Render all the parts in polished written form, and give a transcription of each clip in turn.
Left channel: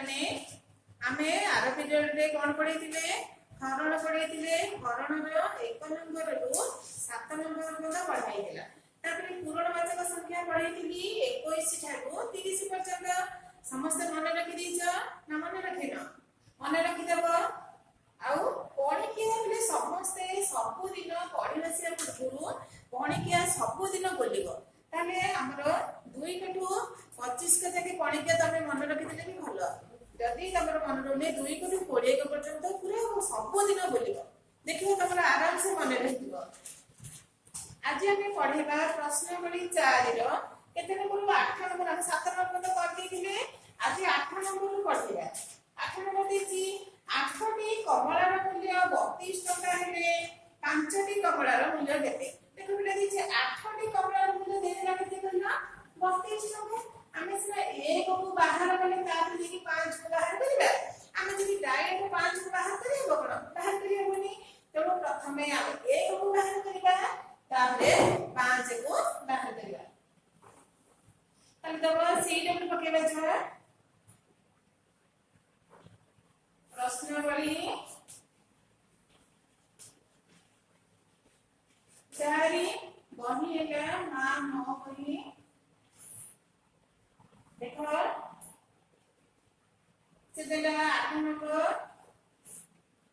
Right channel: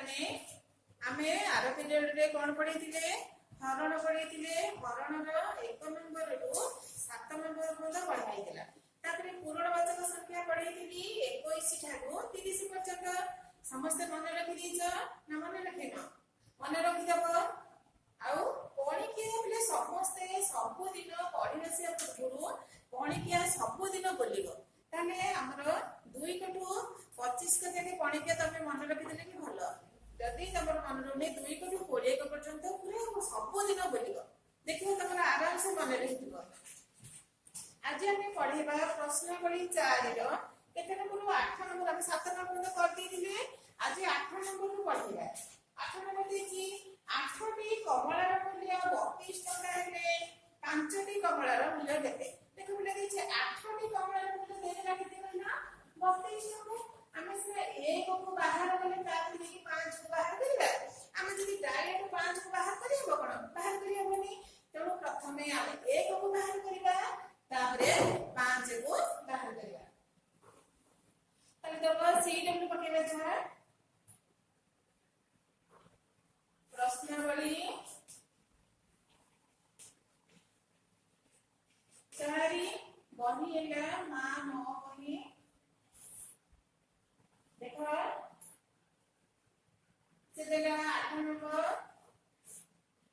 माने आमे are period रे कोन पढिथिले हरण पढिथिले हरण रो 1 नंबर रु 7 नंबर पर्यंत पढाइथिला तापरे पूर्णवाचक संख्या पढिथिली 21 ठाकू 30 पर्यंत समस्त मन रखि दिछ ना मन रखिनो मन रखि दबो आउ पढिके बले समस्त सब दिन पढि बसिया पूर्व पढिके सब दिन बोलिबो ताले हमरो 2 कठू 25 कथा के पढिके तमे मन रखि देले भी भलो जदि तमर मन रहने 2 कठू 20 के पर्यंत पूरा सब दिन बोलिबो देखियो तमरा आराम से मन रहिबो आज हम पढेबा प्रश्नावली 4 रो केते नंबर 8 नंबर हम 7 नंबर पर्यंत कर दिथिले आज 8 नंबर रो पढिबा 8 नंबर देछि 8 टी कमलार मूल्य 32 टका हेले 5 टी कमलार मूल्य केते देखो बिला देछि 8 टी कमलार मूल्य देला केते कहना 32 टका हमें से एक को बाहर गले तार देखि 5 को बाहर करिबा हमें जदि डायरेक्ट 5 को बाहर करिबो कोन बाहर करिबोनी तो प्रथमे हम एक को बाहर करिबा तारे 5 को बाहर करिबा तले तो सी डब्ल्यू पकेबा छ प्रश्नावली 4 बही हेला ना न बही देखो से देला 8 नंबर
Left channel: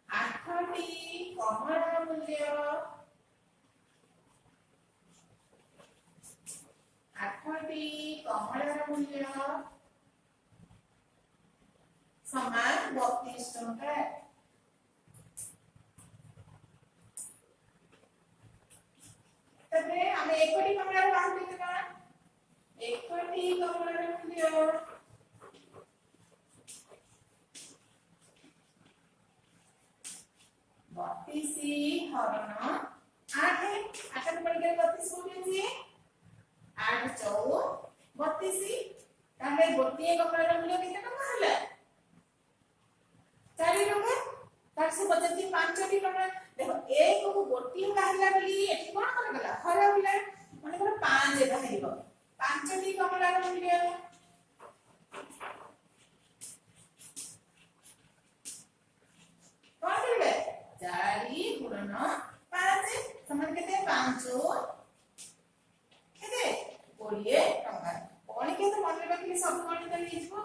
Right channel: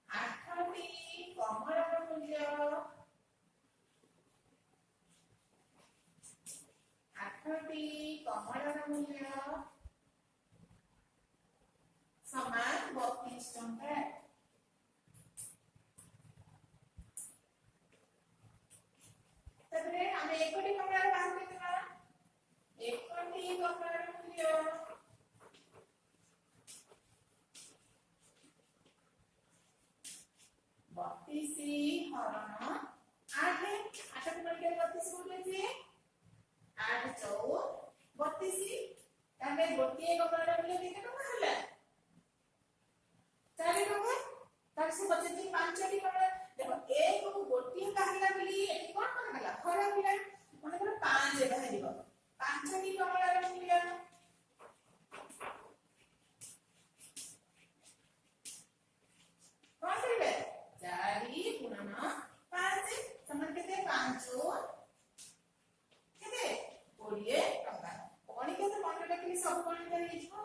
8 टी कमलार मूल्य 8 टी कमलार मूल्य समान 32 टका तबरे हमें एक टी कमलार बाहर करना एक टी कमलार मूल्य 32 हरण 8 8 पड़ के 32 बोले जे 8 4 32 ताले गोटिए कमलार मूल्य केते टका हला 4 टका तार से बचती 5 टी कमला देखो एक को गोटिए बाहरला बोली एठी कोन कोन गला हरा बिला माने कोन 5 बाहरिबो 5 टी कमलार मूल्य कोन करबे 4 गुणन 5 समान केते 5 केते 20 टका कोन के तो मन रखली सब कोन कर हिजबो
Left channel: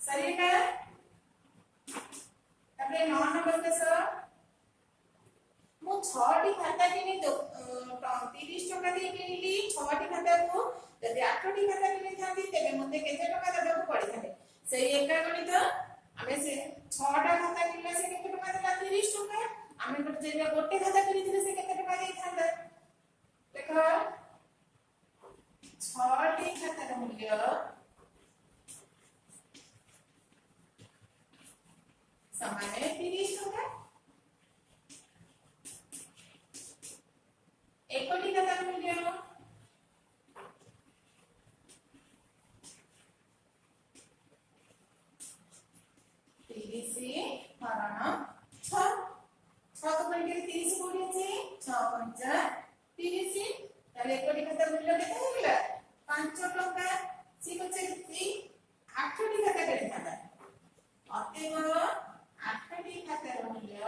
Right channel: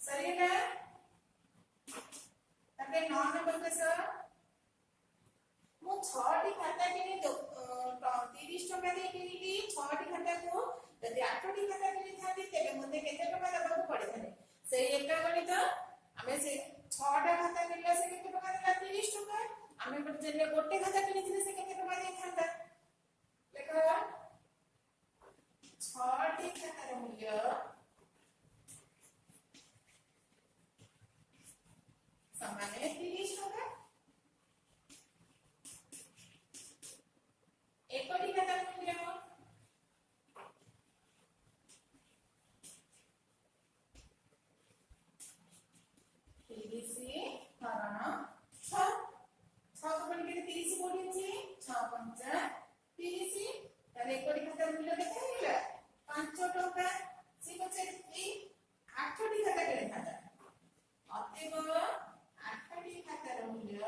सही है तबे 9 नंबर के सर मो 6 टी खाता किनी तो 30 टका दे किनिली 6 टी खाता को यदि 8 टी खाता किनी थांती तेबे मते केते टका देबो पड़ी थाते से एका गणित हमें से 6 टा खाता किनला से केते टका देला 30 टका हमें पर जे गोटे खाता किनिथिले से केते टका दे थांता देखो 6 टी खातार मूल्य समान 30 टका एक टी खातार मूल्य 30 हरण 6 6 को पड़ के 30 कोडी अछि 6 5 30 ताले एक टी खातार मूल्य केते हेला 5 टका सी बचे 8 टी खाता केते खाता अतएव 8 टी खातार मूल्य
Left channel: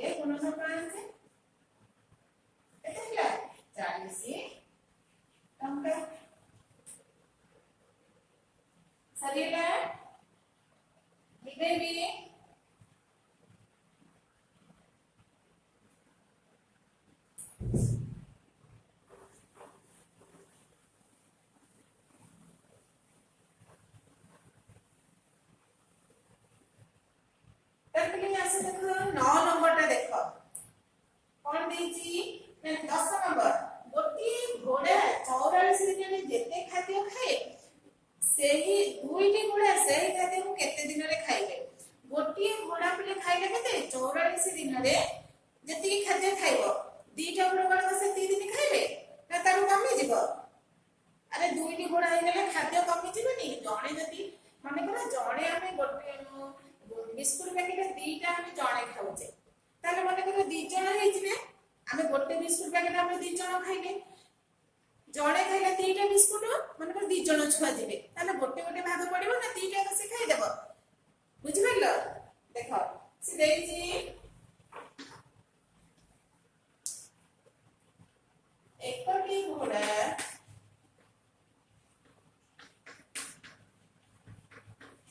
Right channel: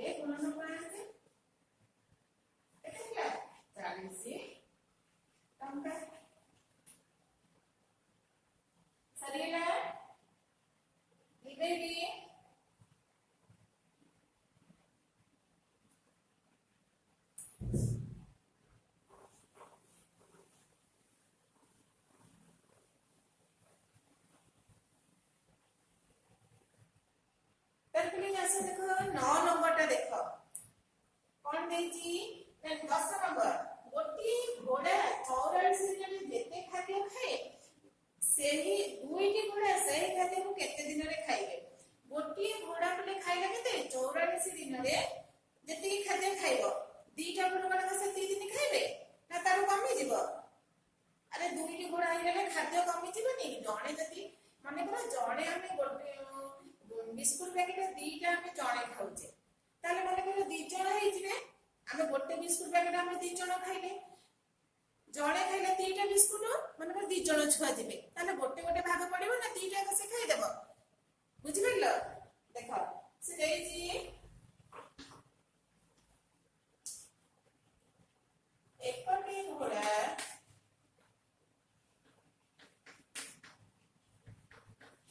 8 गुणन 5 केते हेला 40 टका सरीला लिखे भी तकली ऐसे देखो 9 नंबर टा देखो कौन देछि 10 नंबर गोटी घोड़ा 44 दिन में जेते खाद्य खाए सेही दुईटी घोड़ा सेही खाद्य को केते दिन रे खाइबे गोटी घोड़ा पले खाइले केते 44 दिन रे जेती खाद्य खाइबो दीटा घोड़ा से 3 दिन खाइबे ना तारू कमी जीवो अरे दुईटी घोड़ा हे गेले खाद्य कमी जीवनी जणे जति दी जण खाइले जणे खाइले दीटा बिस्कुट मन दी जण छुआ दिले ताले गोटे गोटे भाग पड़िबो ना दीटा को से खाइ देबो बुझि गलो देखो से देछि एकटी घोड़ा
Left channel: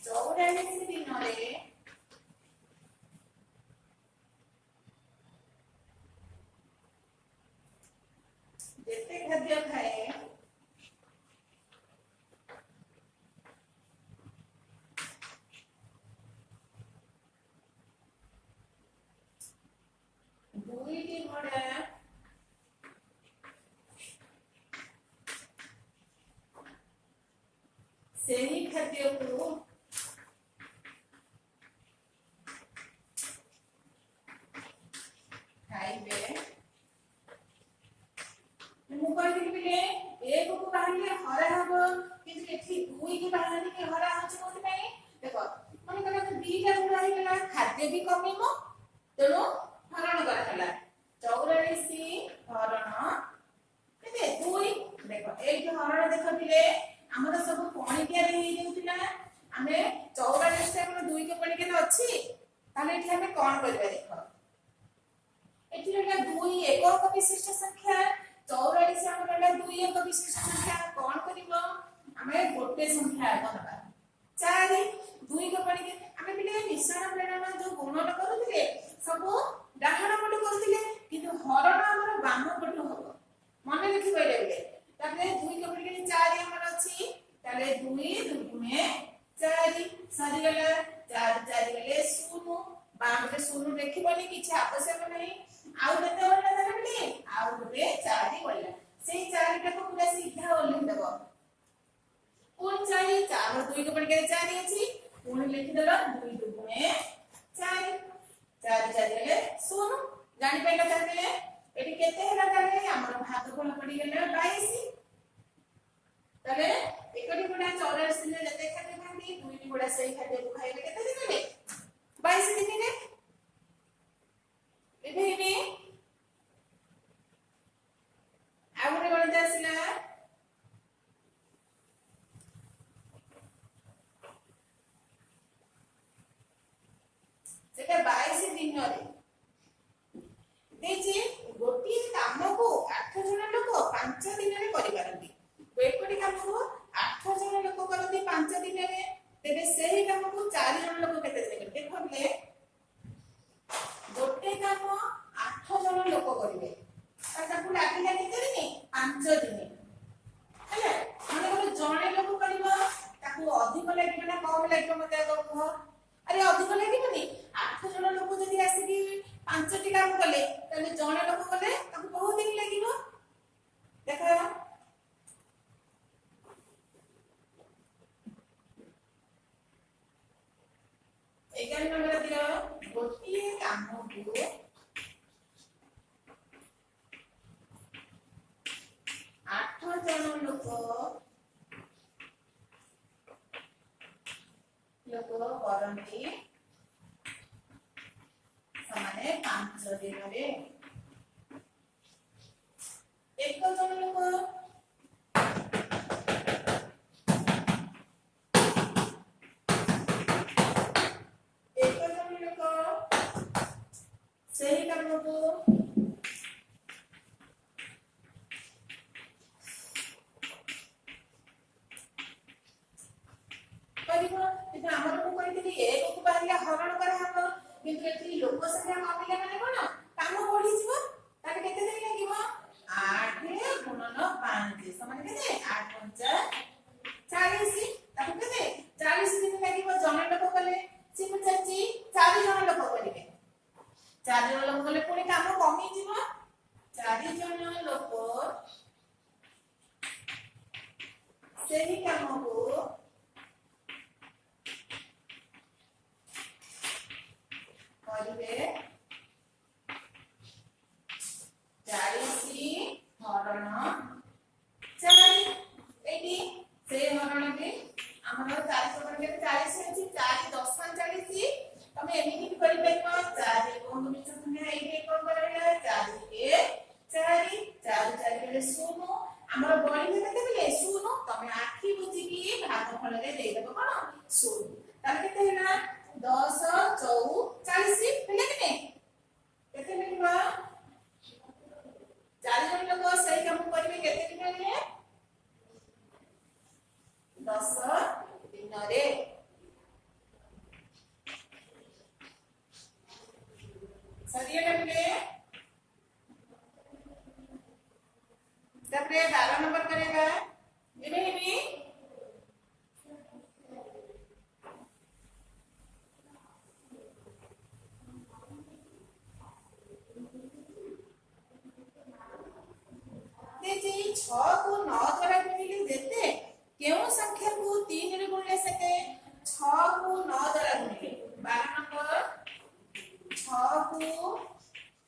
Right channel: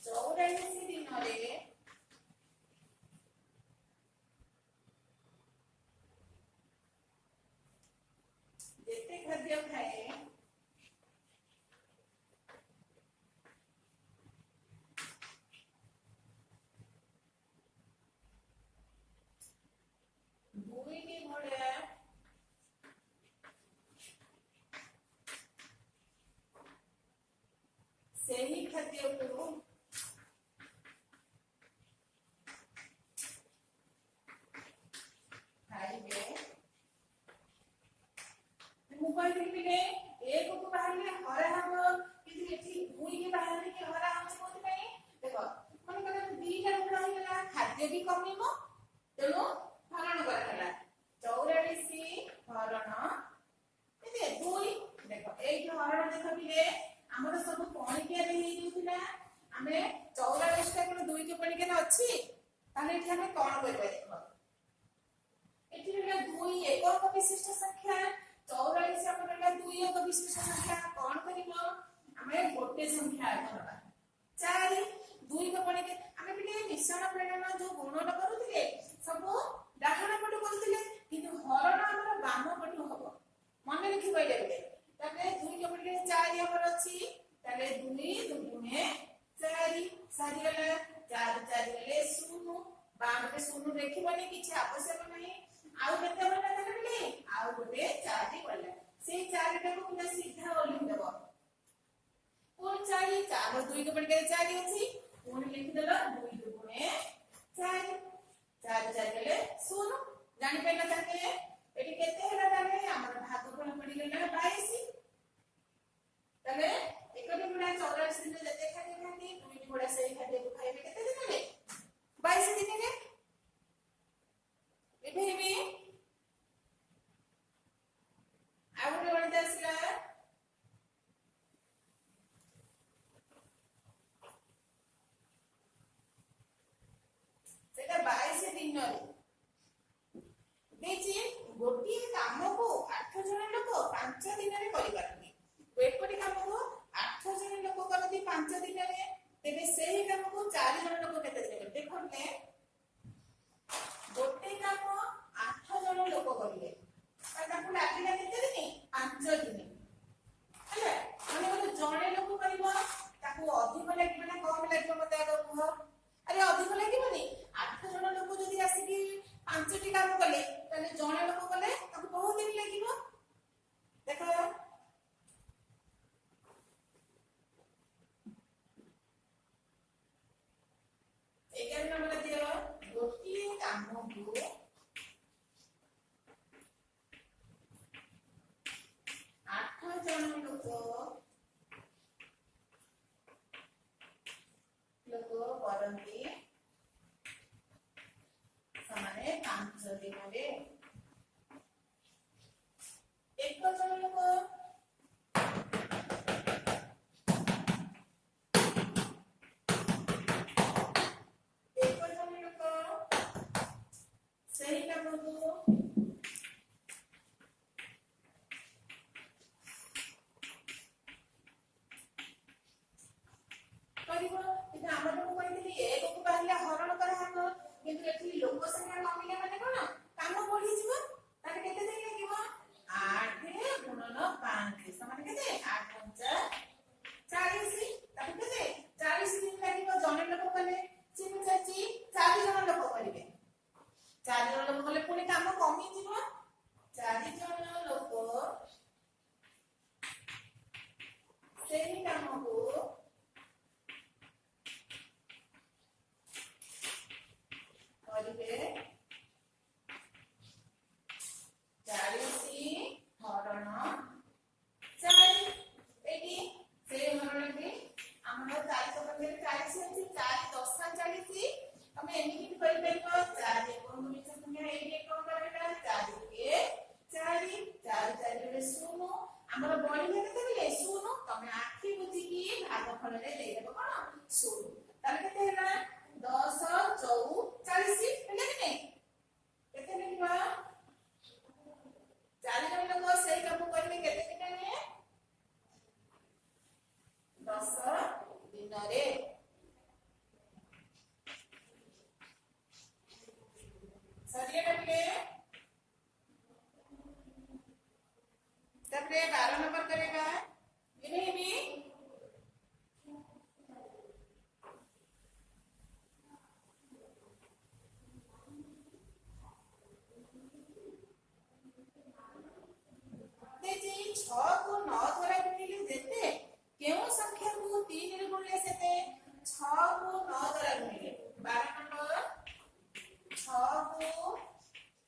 चौरासी दिन जेते खाद्य खाए दुईटी घोड़ा सही खाद्य को खाइबे मु कहली बिले एक को बाहरले हरा हबो किंतु एठी दुई के बाहरले के हरा होछ कोथि पई देखो मन करा दीटा गुड़ा ही गला खाद्य भी कमीमो तेनो हरण करा हला 84 हरण केते दुई देखो एक जो हरण देखो बिले हमर सब पणिकिया रे ही देउतिला हमें 84 से हम दुई के पणिकिया अछि ताले एठी हमें कोन करबे देखो एठी रहला दुई एकक विशिष्ट संख्या 44 से हमर रहला दुई एक विशिष्ट संख्या कोन करिवो हमें गोटे संख्या बनबा 4 दुई के पणिके हमें बिले मिश्रण प्रेरणा जो गुणन करूथिले सब डाहण पट करूथिले किंतु हरण हमर बाम पट होबो मन लिखि पइले बिले ताले दुई के पणिके 4 हमर अछि ताले दुई दुगुणे 4 सारी गला 4 4 गले 0 बाम के 0 देखिबनी किछ आवश्यक नहीं आउ केते बोलला ताले बिले आउ गोटे 4 टी बोलला सेई 4 टा को पूरा सीधा ओलिख देबो पूर्ण 4 4 दुई के पणिके 4 अछि पूर्ण लिखि देलो दुई दुगुणे 4 4 4 गले 0 जानि पइला ताले एटी केते हला ताले हमर भागफल पड़ी गेला 22 ताले एकटी गुडा 84 दिन जते खाते खाती दुईटी गुडा सही खाते को खाइबे केते दिन ले 22 दिन ने एबे आउटे गणित आसिला सेटा 22 दिन रे देछि गोटी काम को 8 जण लोक 5 दिन रे करि पारंती एकटी काम को 8 जण लोक करती 5 दिन रे तेबे सेही काम को 4 जण लोक केते दिन करते देखले गोटे काम 8 जण लोक करिवे ताकू लागिला केते दिन 5 दिन हेले माने बोले जणे लोक करिवो ताकू अधिक लागिबे ना कम लागिबे मते आगो कह अरे अधिक लागिबेनी 8 जण लोक जदी आसी कि 5 टी काम कले तले जणे लोक कले ताकू बहुत दिन लागिबो देखो एगार नंबर दियो गोटी काम को 8 जण लोक करंती समाने 5 दिन रे एक जण लोक सही काम को करिबो कि हमर को कहितली एक को बाहरिया हरण करे हम किंतु एठी लोक संख्या कमिले माने कोन काम बढ़ी जीवो ताके केते दिन लागिवो 8 गुणन 5 समान केते 8 5 40 ताके केते 40 दिन लागिवो जण लोक कले सिम चाची 4 जण लोक करिवे 4 जण लोक कले पुनी काम कमी जीवो 4 जण लोक सेही काम को करिवे 40 हरण 4 एटी से हरण के हमर 4 पर के 40 अछि 4 10 40 तमे एमिति करि परिबो 4 कोन मिछ संख्या एटी कोन करैला 4 के 4 4 ଆମର ବଳିଲେ କେତେବେଳେ ଶୂନ ତମେ ଆଖି ବୁଝିକି ଭାଗଫଳରେ ଦେଇଦେବ କଣ ଶୂନ ତାହେଲେ କେତେ ହେଲା 10 4 40 ହେଲା କି ନାହିଁ କେତେ ମିଳିବ 4 ଜଣ ଲୋକ ସେଇ କାମ କରିବେ କେତେ ଦିନରେ 10 ଦିନରେ ସରିଗଲା ପିଲେ ତାପରେ 12 नंबर करेगा ଏବେ ହେବି देखिए 6 को 9 द्वारा गुणिले देते केउ संख्या को 3 रे गुणिले सके 6 को 9 द्वारा गुणिले 12 नंबर 6 को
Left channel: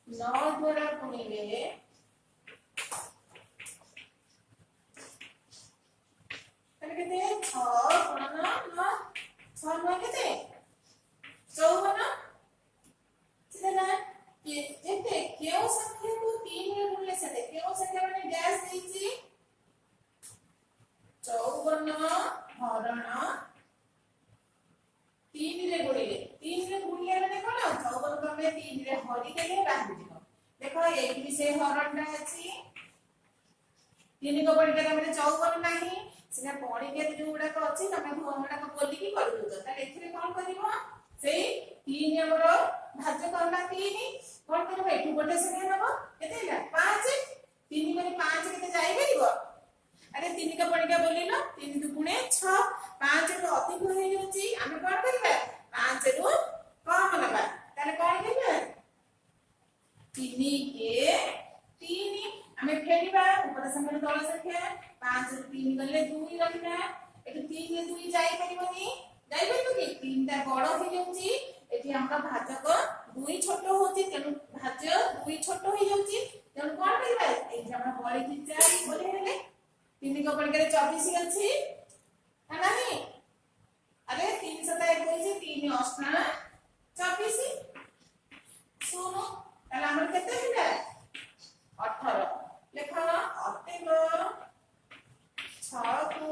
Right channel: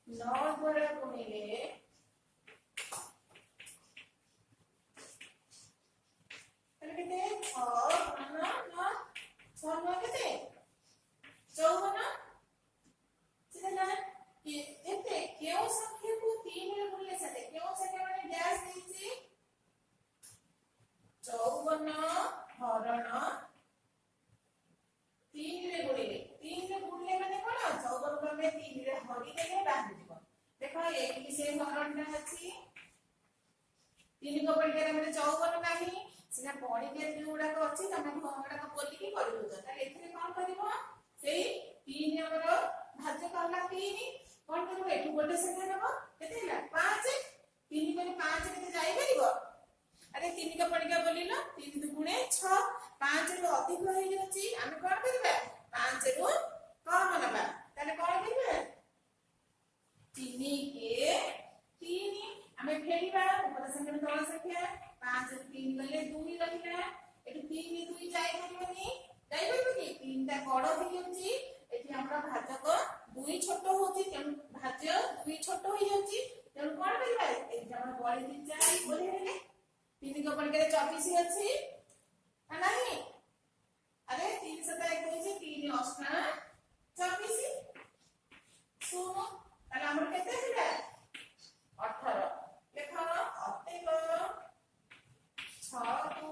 9 द्वारा गुणिले कहते 6 गुणन 9 6 9 केते 54 सीधा ना कि देखते केउ संख्या को 3 रे गुणिले सके केउ संख्या माने डैश देछि 54 हरण 3 रे गुणिले माने कोन 54 को हम 3 रे हरि देले बाहर जीव देखो एही से हरणटा अछि 3 को पढ़िके हमरे 54 नाही सिना पढ़िके जोडा को अछि तमे घोडा को बोलिकी करू दो त एथिरे कोन करिवो सेई 3 हमर भाज्य करला 3 कोन करिवो एठु गोटे संख्या नबो केते ହେଲା 5 3 माने 5 केते जाई परिबो अरे 3 का पढ़िके बोलिलो 3 दुगुणे 6 5 रो अधिक होई होची हम कोन करिबा 5 रो कम नबा ताले कोन करिबा 3 के 3 हमें फेरिबा ऊपर संख्या तळ संख्या 5 ରୁ 3 गले 2 रखना एटु 3 रे 2 जाई परिबनी जाई परिबो कि 3 टा बड़ हो जाउची एठी हमरा भाजक 2 छोट होची तेनु भाज्य 2 छोट हो जाउची तेनु कोन करिबा एठी हमरा बळी कि 4 बोले हेले 3 को पढ़ के 24 अछि है नाही अरे 3 7 21 3 8 24 सुनो ताले हमर केते हेला 18 लेखा अतिक 6 को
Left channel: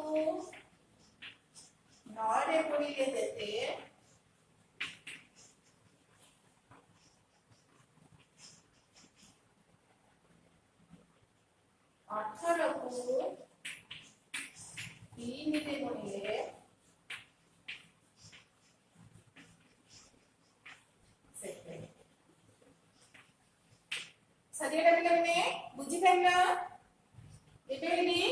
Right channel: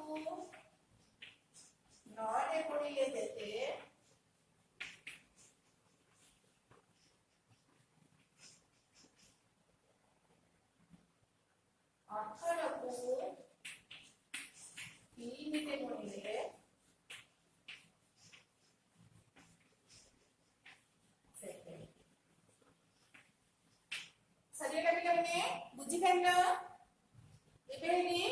9 रे गुणिले देते 18 को 3 रे गुणिले सजेटा पिलाने बुझी पाइला एबे हेली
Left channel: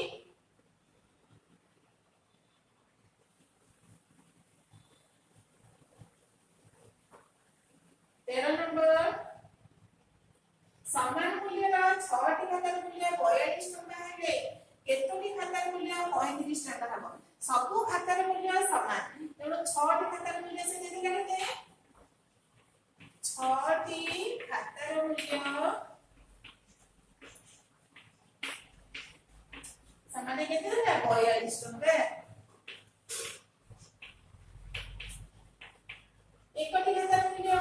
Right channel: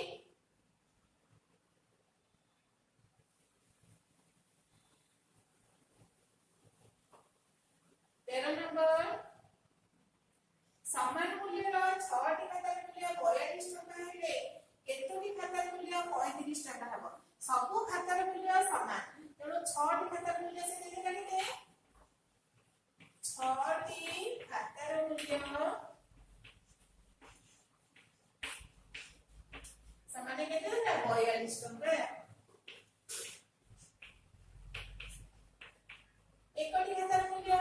13 नंबर समान मूल्य 6 टी खातार मूल्य 42 टका हेले केतोटी खातार मूल्य 35 टका हबो सबु खातार मूल्य समान तेणु 6 टी खातार मूल्य से देते केते 6 टी खातार मूल्य समान केते होला 42 टका एकटी खातार मूल्य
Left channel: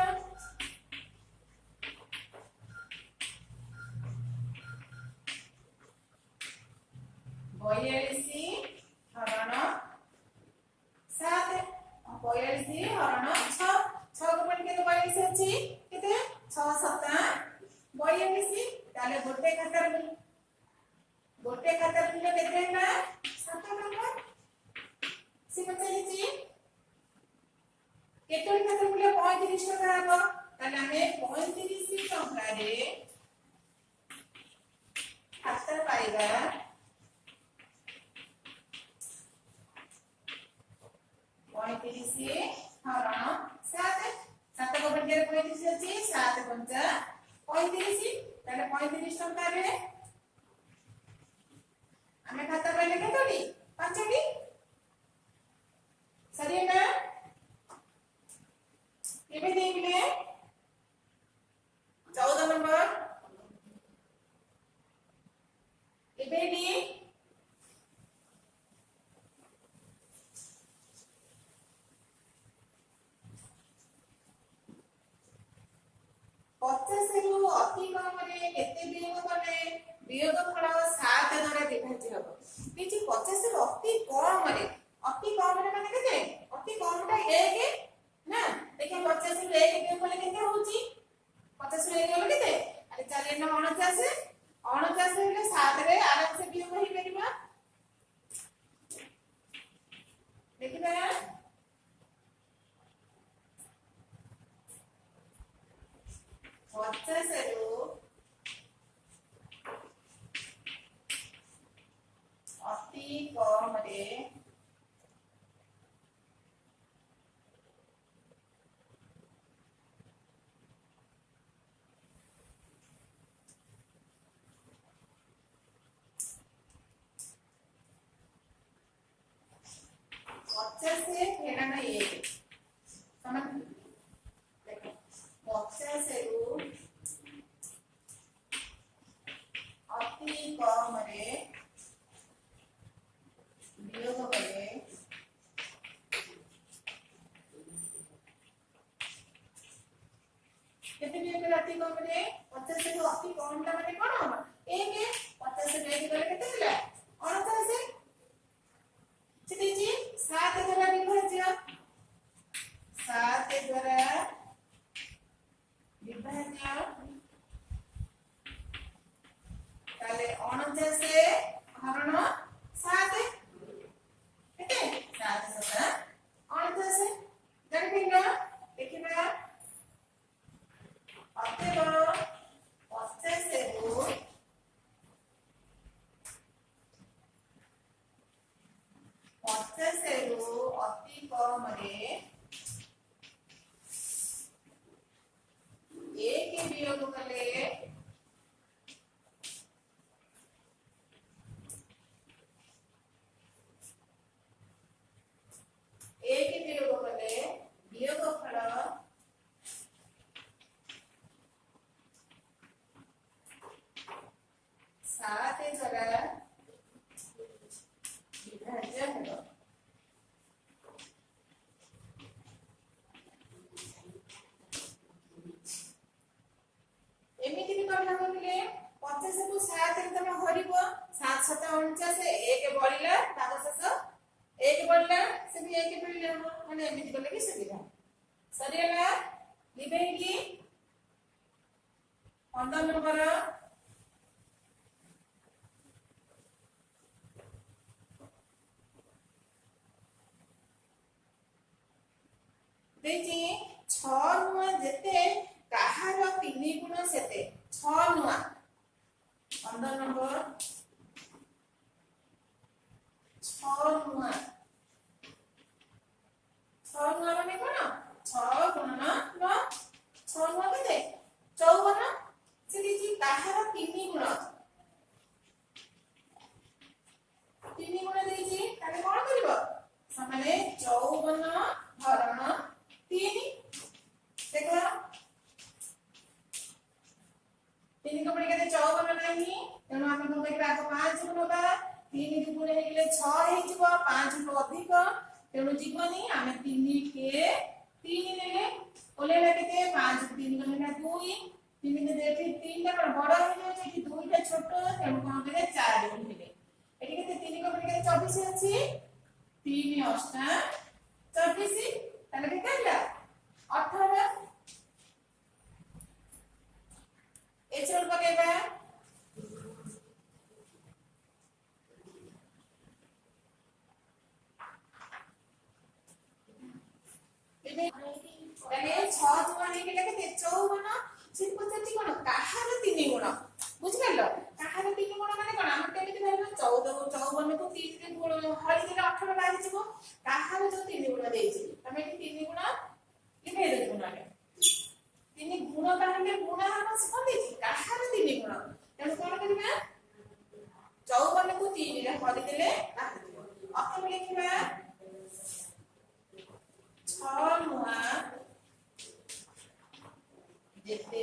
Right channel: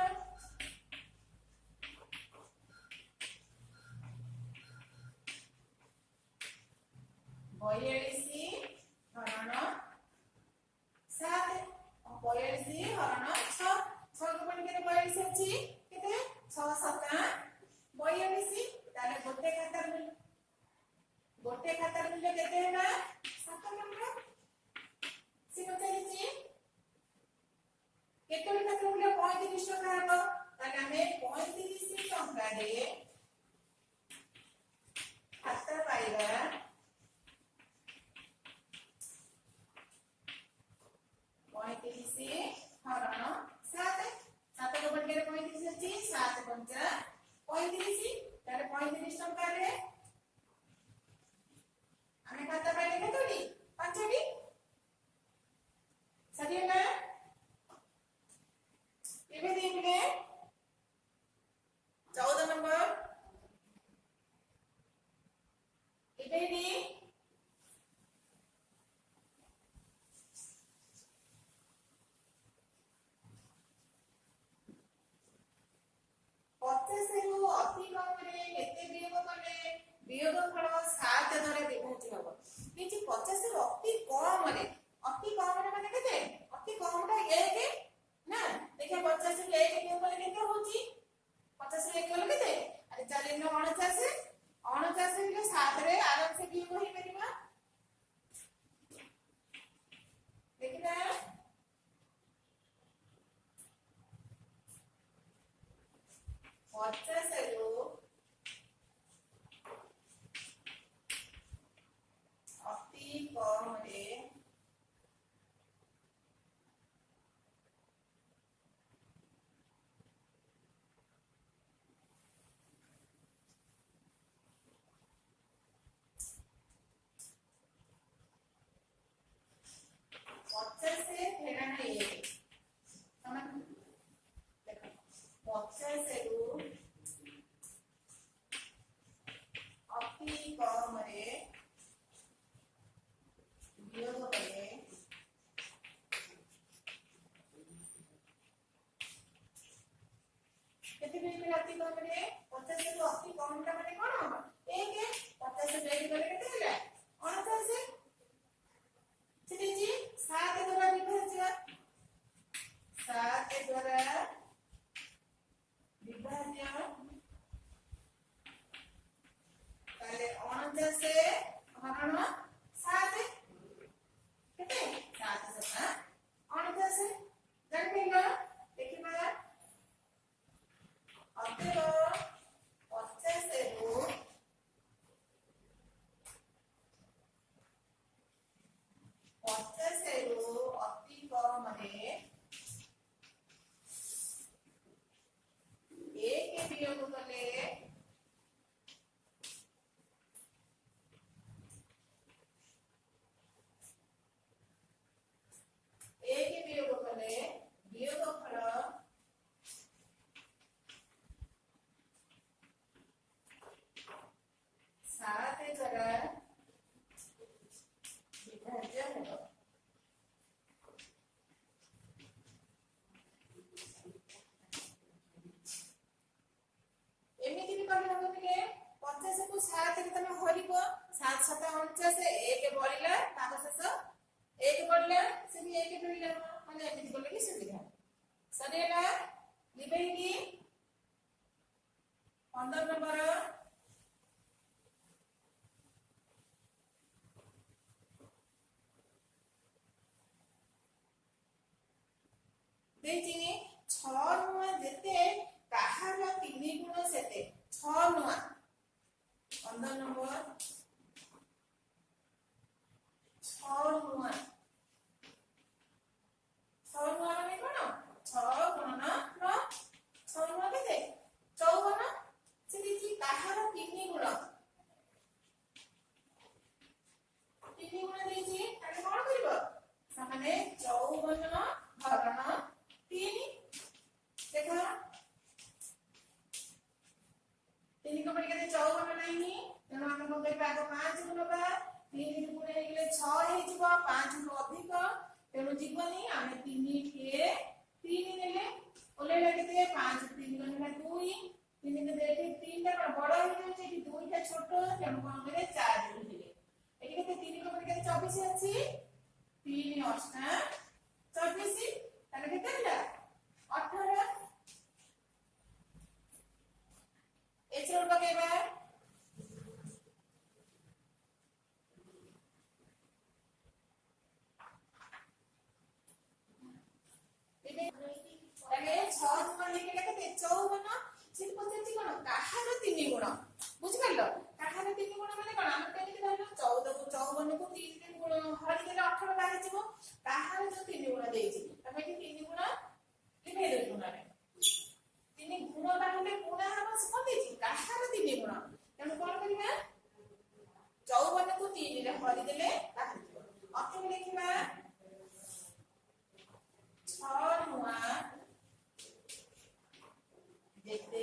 42 हरण 7 42 हरण 6 6 को पढ़ के 42 अछि केते 6 7 42 ताले गोटे खातार मूल्य केते ना 7 टका सिमते जी केतोटी खातार मूल्य 35 टका हबो ताले हमें 35 टका रे खाता पाइबा 35 हरण 7 7 को बढ़ के 35 अछि 7 5 35 ताले 35 टका रे हमें खाता पाइले केतोटी 5 टी सरी ना एबे देखले 14 नंबर एबे डी 50 ରୁ ଅତି କମରେ କେତେ ବିୟୋଗ କଲେ ବିୟୋଗ ଫଳ सात द्वारा विभाज्य हबो देखि 50 रो अति कम रे माने केते अति कम टा 1 ना देखिए 50 रो 1 के बोले केते होची 50 रो 1 बोले केते अरे चलिए ना 49 हेले 7 रे आराम से बियोग होई परिबा देखिबा 50 रो अति कम रे से फेरा ना ये समझ देखो 50 रो अति कम रे वियोग करे केते वियोग करे अति कम रे 50 रो अति कम टा माने कोन 1 50 रे गले केते होला 49 चलिए जी 7 द्वारा विभाज्य 7 द्वारा विभाज्य ताले 49 हरण 7 केते 7 7 49 जानि पिंगा देखिबा अतएव 50 रो अति कम रे 1 वियोग कले 1 वियोग कले वियोगफल 7 द्वारा विभाज्य हेबो एमिति भी करना होले 50 को 7 रे तमे हरिबो 7 7 49 1 बढिला ताको शेष 1 बढिला से भी 1 बढिला माने एमिति करले कि सुविधा सरियला लिबेगी 15 नंबर देखि 6 नुआ जेते काहार 3 गुण सेते 6 नुआ 15 नंबर 6 नुआ माने कोन 6 गुणन 9 6 नुआ केते 54 से देखि काहार 3 गुण देछि ताले कोन करिवो समाने 54 हरण 3 देखो 3 को पड़ी केते 54 नाही तेनो आमे कोन करिबा आगो 5 गुणबा 3 गुण हे गेले 6 हे जिवो 5 रो अधिक तेनो जीवनी आमे 3 के 3 नेले ओलेला केते 5 3 गणना 2 3 के देखे 3 टा बड़ हे जाय छै कि 2 टा छोट तेनो कोन करे 4 गुण हेले एठी केते 3 को पड़ी केते 24 अछि 3 8 24 ताले केते होला 18 एचरोल पकेबा ताले 6 गुण हे केते 54 से पछति कोन काहार 3 गुण बुझ गेलो काहार 3 गुण माने कोन हम केमिति भाइबो 54 को 3 रे गुण हरि देले 18 लागि जिवो काहार जो 3 गुण देछि तमे 3 गुण लिखे दे गुणरे 3 गुण बाहले गुण हम से कोन देछि काहार 3 गुण तेनु कोन करिबा 54 को 3 रे हरि देले लागि जिवो अतः लिखिबा 6 नुआ जेते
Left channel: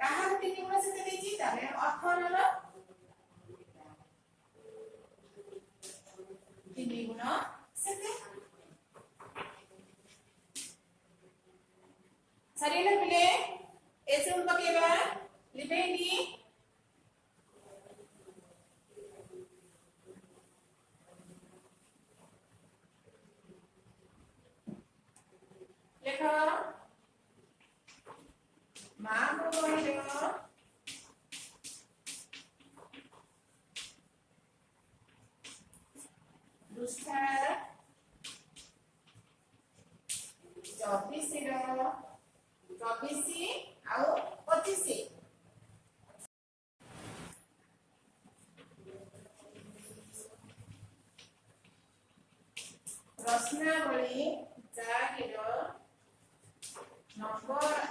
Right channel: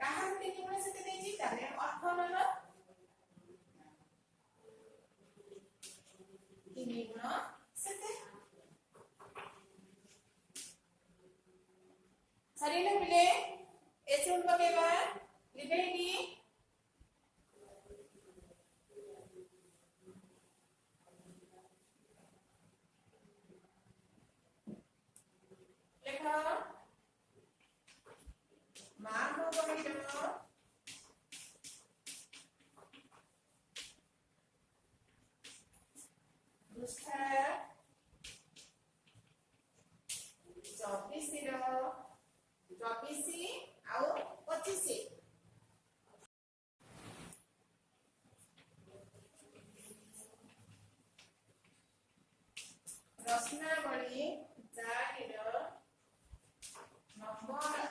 काहार 3 गुण सेते देछि ताले 18 रो 3 गुण सेते सरियला पिले एचरुल पकेबा लिबेगी पृष्ठा 24 ଆଉ 25 प्रश्नावली 4 नंबर